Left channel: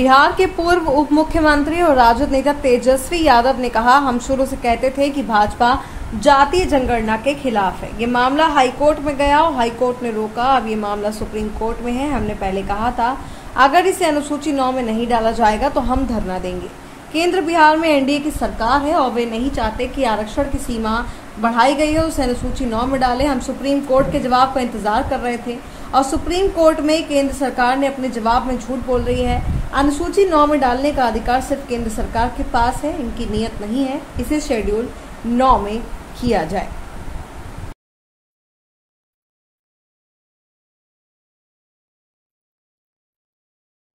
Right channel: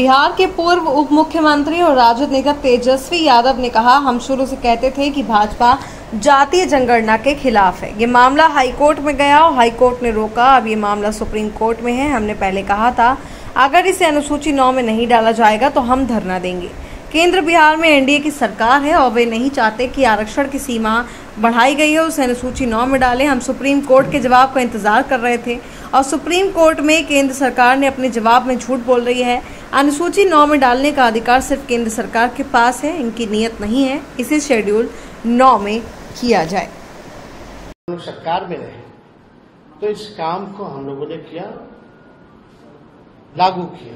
बिहार के पूर्व उप मुख्यमंत्री और राजद नेता तेजस्वी यादव ने कहा, हम शुरू से कहते थे कि भाजपा जातीय जनगणना के खिलाफ है। ये मामला हाईकोर्ट में गया और हाईकोर्ट ने रोका। अब ये मामला सुप्रीम कोर्ट में है। हमने पहले कहा था अगर इसे अनुसूची 9 में नहीं डाला जाएगा तो हम धरना देंगे। केंद्र बिहार में एनडीए की सरकार है और वे नहीं चाहते कि आरक्षण की सीमा बढ़ाई गई है उसे अनुसूची 9 में डालें। हम सुप्रीम कोर्ट के जवाब का इंतजार कर रहे थे और सुप्रीम कोर्ट में केंद्र सरकार ने अपने जवाब में झूठ बोल रही है। अनुसूची 9 में डालने का अधिकार सिर्फ केंद्र सरकार के पास है, इनकी नीयत नहीं है इसे शेड्यूल 9 में किया जाए। सरकार में रहे तो इस काम को हम लोगों ने किया, लागू किया।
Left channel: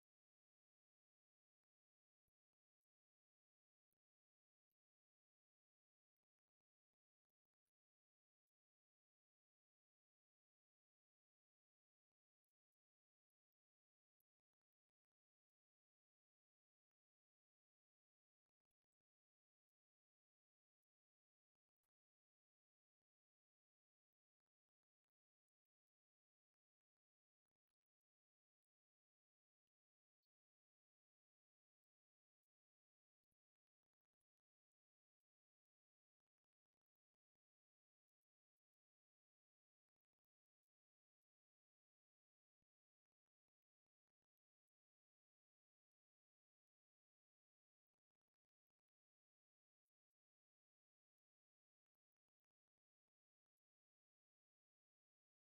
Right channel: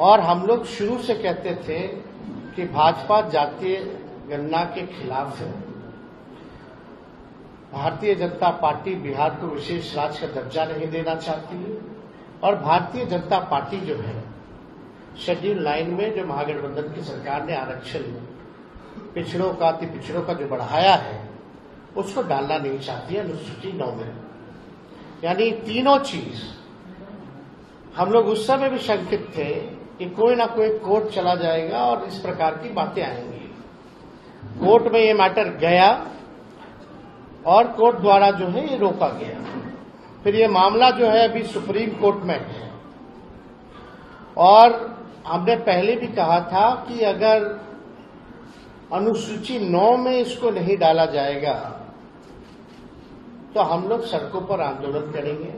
और हम लोग शुरू से कहते थे कि भाजपा जातीय गणना के खिलाफ है। भारतीय जनता पार्टी बिहार को विशेष राज्य का दर्जा नहीं देना चाहती है और भारतीय जनता पार्टी जो है शेड्यूल 9 में जो महागठबंधन की सरकार ने आरक्षण पिछड़ों का अति पिछड़ों का जो बढ़ाया है उसको डालना नहीं चाहती है अनुसूची 9 में। यानी तीनों चीज हम लोग उस समय भी शंकित थे कि कोई ना कोई कोर्ट चला जाएगा और इस प्रकार की बातें आएंगी। कोर्ट में ये मैटर गया और कोर्ट द्वारा जो है ये रोका गया। फिर ये मामला जो है अभी सुप्रीम कोर्ट में है और हमने पहले भी कहा था कि अगर अनुसूची 9 में इसको नहीं डाला जाएगा तो हम लोग सड़कों पर आंदोलन करेंगे।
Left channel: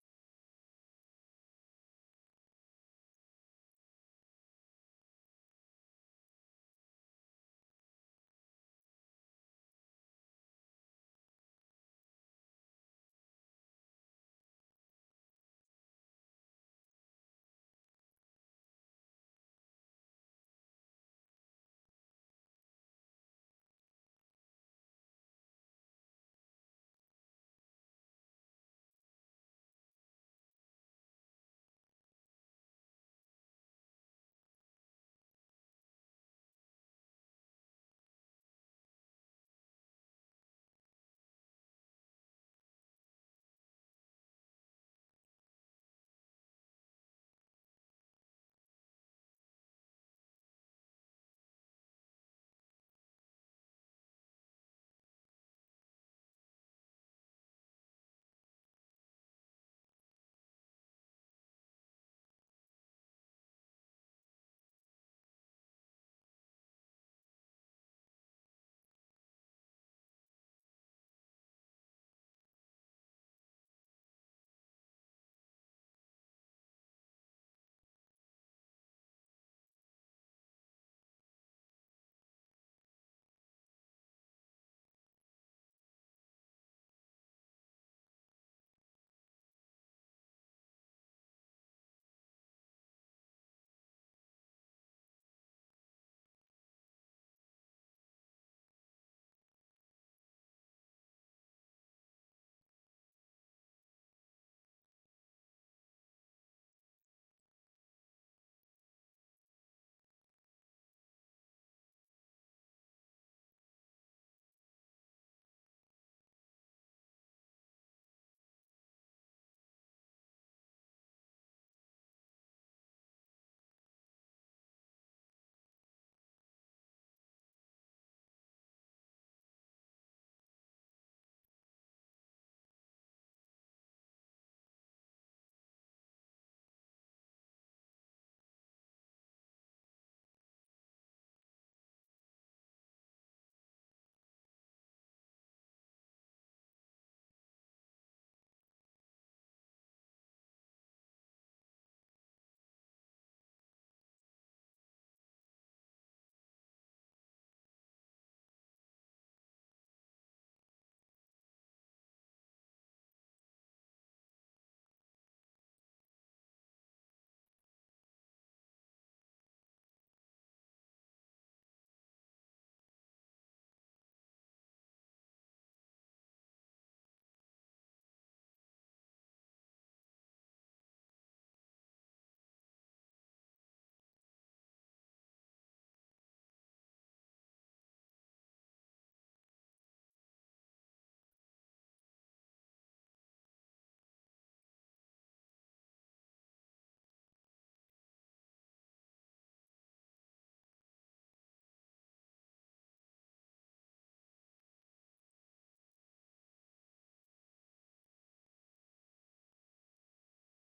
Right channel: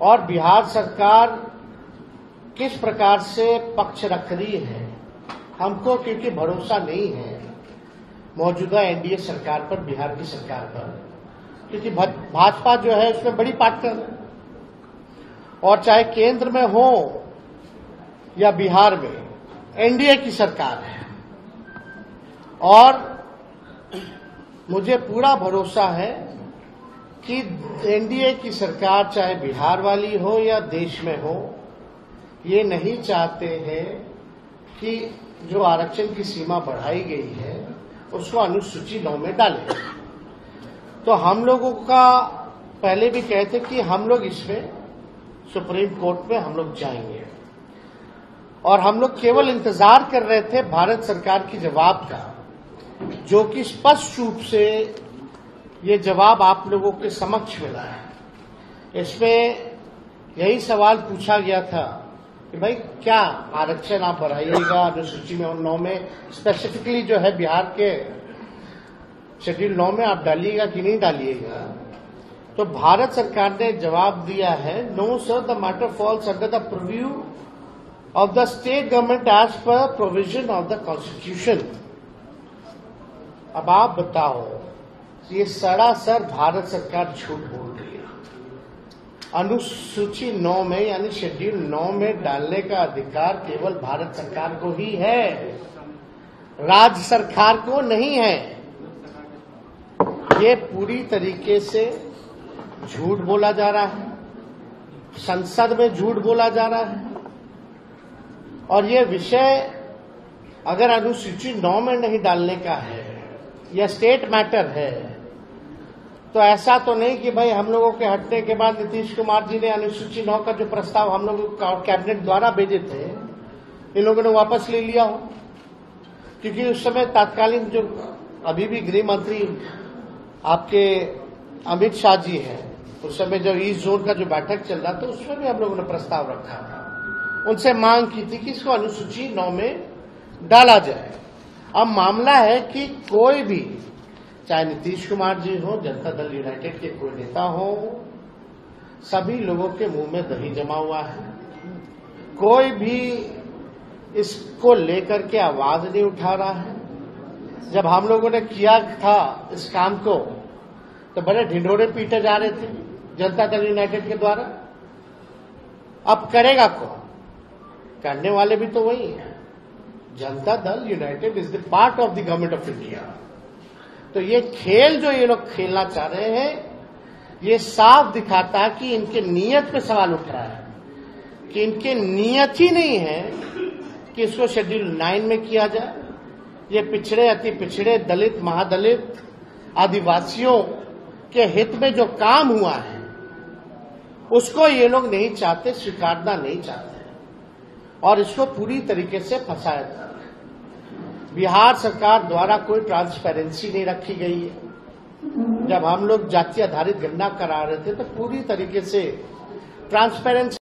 और बिहार सरकार किस प्रकार से पक्ष रख रही है हमको, क्योंकि भरोसा नहीं है मौजूदा एनडीए सरकार पर, बिहार की सरकार पर, क्योंकि भाजपा जो है उसमें बड़ी पार्टनर है। और चाहे केंद्र में हो या बिहार में एनडीए की सरकार है और मुझे पूरा भरोसा है कि एनडीए की सरकार चाहे बिहार वाली हो या देश में हो, ये नहीं चाहते हैं कि जो आरक्षण की सीमा बढ़ाई गई है उसको अनुसूची 9 में डालें। तो हम लोगों का पहले भी कहते कि हम लोग इसमें सुप्रीम कोर्ट में हम लोग जाएंगे और हम लोग केवल इंतजार कर रहे थे भारत सरकार की जवाब का, जो कि स्पष्ट रूप से ये जवाब आप लोगों के समक्ष मिला है। इसमें यही सवाल पूछा गया था कि भाई क्या आरक्षण आप बढ़ाइएगा अनुसूची में 9 में, स्पेसिफिकली जो है बिहार के शेड्यूल 9 में आप डालिएगा कि नहीं डालिएगा। तो भारत सरकार ने जवाब दिया है, no sir, the matter falls under the preview of the state government as per provision of the constitution. अब आप बताओ, ये सरासर भारत सरकार झूठ बोल रही है। अनुसूची 9 में यानी शेड्यूल 9 में डालने का अधिकार केवल भारत सरकार को ही है, राज्य सरकार को नहीं है। ये पूरी तरीके से झूठ बोला जा रहा है, संसद में झूठ बोला जा रहा है। और ये विषय अगर अनुसूची 9 में नहीं डालने का है या स्टेट मैटर है तो ऐसा तो नहीं कि भाई हम लोगों के हटने के बाद नीतीश कुमार जी ने अनुसूची 9 का जो प्रस्ताव हम लोगों कैबिनेट द्वारा भेजे थे इन लोगों ने वापस ले लिया हो। क्योंकि उस समय तत्कालीन जो अभी भी गृह मंत्री आपके अमित शाह जी हैं, उस समय जो ईस्ट जोन का जो बैठक चल रहा था उसमें भी हम लोगों ने प्रस्ताव रखा था, उनसे मांग की थी कि इसको अनुसूची 9 में डाला जाए। अब मामला है कि कोई भी, चाहे नीतीश कुमार जी हो, जनता दल यूनाइटेड के कोई नेता हो, सभी लोगों के मुंह में दही जमा हुआ है। कोई भी इसको लेकर के आवाज नहीं उठा रहा है। जब हम लोगों ने किया था इस काम को तो बड़े ढिंढोरे पीटे जा रहे थे जनता दल यूनाइटेड के द्वारा। अब करेगा कौन? करने वाले भी तो वही है। Janata Dal United is the part of the government of India. तो ये खेल जो ये लोग खेलना चाह रहे हैं, ये साफ दिखाता है कि इनके नीयत पे सवाल उठ रहा है, कि इनके नीयत ही नहीं है कि इसको शेड्यूल 9 में किया जाए। ये पिछड़े, अति पिछड़े, दलित, महादलित, आदिवासियों के हित में जो काम हुआ है उसको ये लोग नहीं चाहते, स्वीकारना नहीं चाहते। और इसको पूरी तरीके से फंसाया जा रहा है। बिहार सरकार द्वारा कोई ट्रांसपेरेंसी नहीं रखी गई है। जब हम लोग जाति आधारित गणना करा रहे थे तो पूरी तरीके से ट्रांसपेरेंसी